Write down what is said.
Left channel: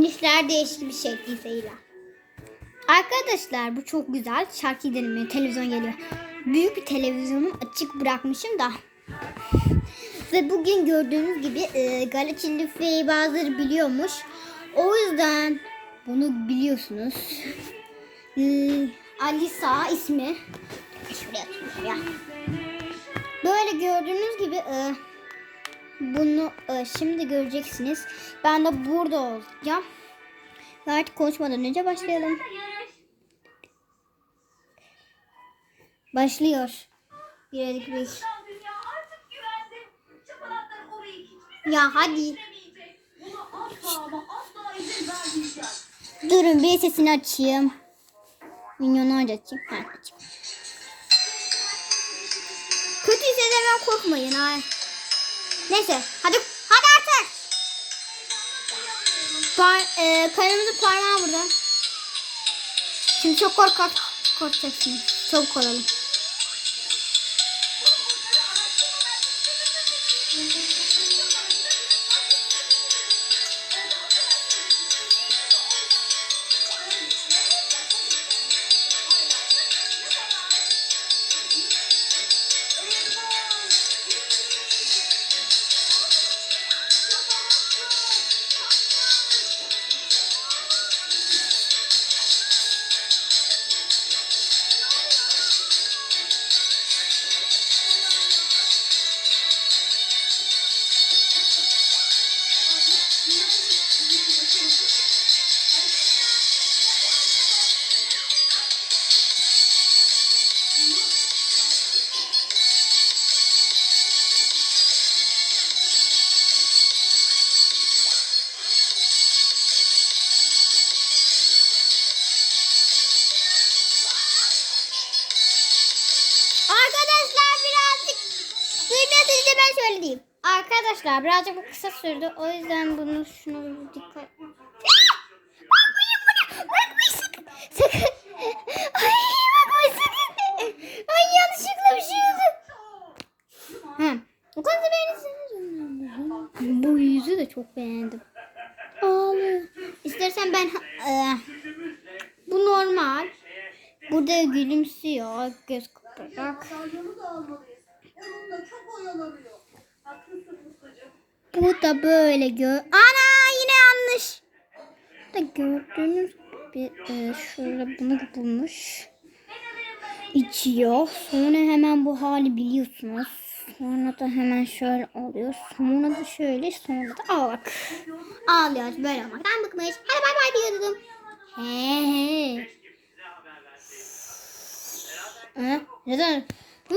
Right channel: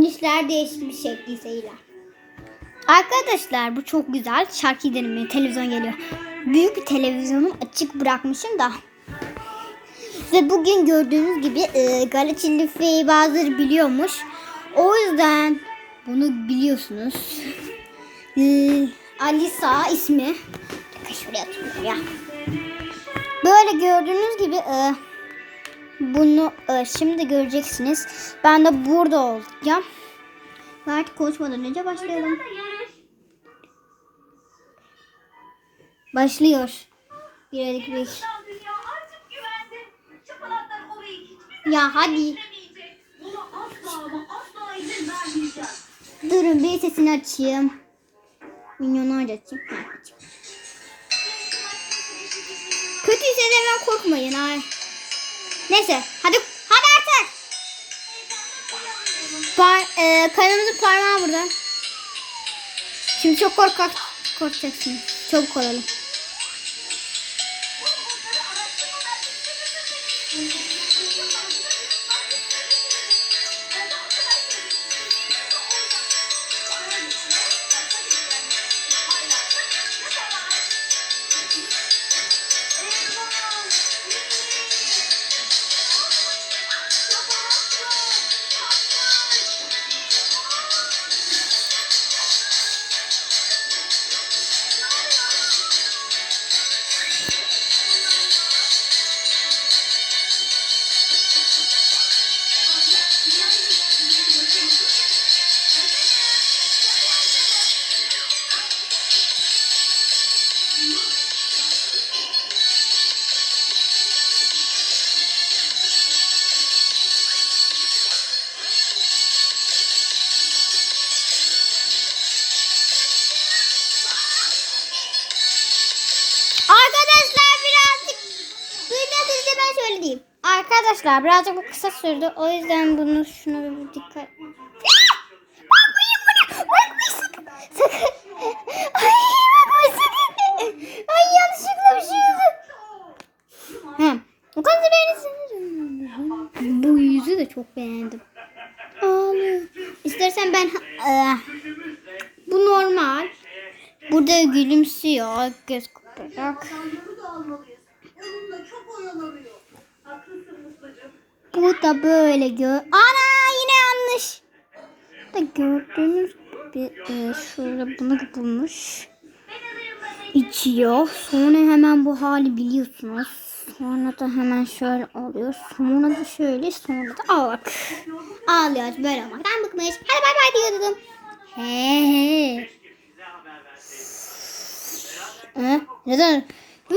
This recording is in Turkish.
İşler değişik bir şekliyle. Arkadaşlar bu çok güzel. Şarkı dinlemeye televizyon geliyor. Büyük bir televizyonum açık bırakmışım da. Ve bugün gördüğünüz gibi e, Galaçin Life'yi bazıları biliyormuş. O yüzden bunu biliyorsunuz. E, Alisa ismi. Şuraya ya. Böyle gördüğünüz gibi e, bunu e, şimdi göreceksiniz. Ben de burada olacağım. Ve artık konuşmadan önce başlayalım. Başlıyor. Bir elik bir. Ya hadi. Durun bir sesini açayım. Minyonu açayım. Ha, açayım. Kötüyse de hemen korkmayın. Ay. Neyse hadi hadi artık. Par, e, kanalımızın parmağı burada. Şimdi çok korkak korkacaksınız. Çabuk olalım. Söyleyeyim. Arkadaşlar birazcık bu kısa sürdü. O yüzden bunu şunu bir dikkat. Sakın. Ay bakmayın sakın. Ay yanlışlıkla bir şey oldu. O kadar beğenirsiniz. Bu yüzü de çok beğendim. Ağlıyor. İstersen ben e, bu normal. Burada gülümsüyor göz kırparak. Yolu da almalıyız. Onunla çok oyalanıyor. Bu da böyle gör. Ana yine yanlış. Da gördüğünüz gibi e, şurada bunu bulmuş. İçiyor. Sonra hemen bu hali biliyorsunuz. Sonra da hemen şöyle oluyor. Sonra da şöyle sonra da ağlak. Ağlıyor böyle olmaktan bıkmış. Hadi bay bay diyordum. He he. Ee, neden? Hı,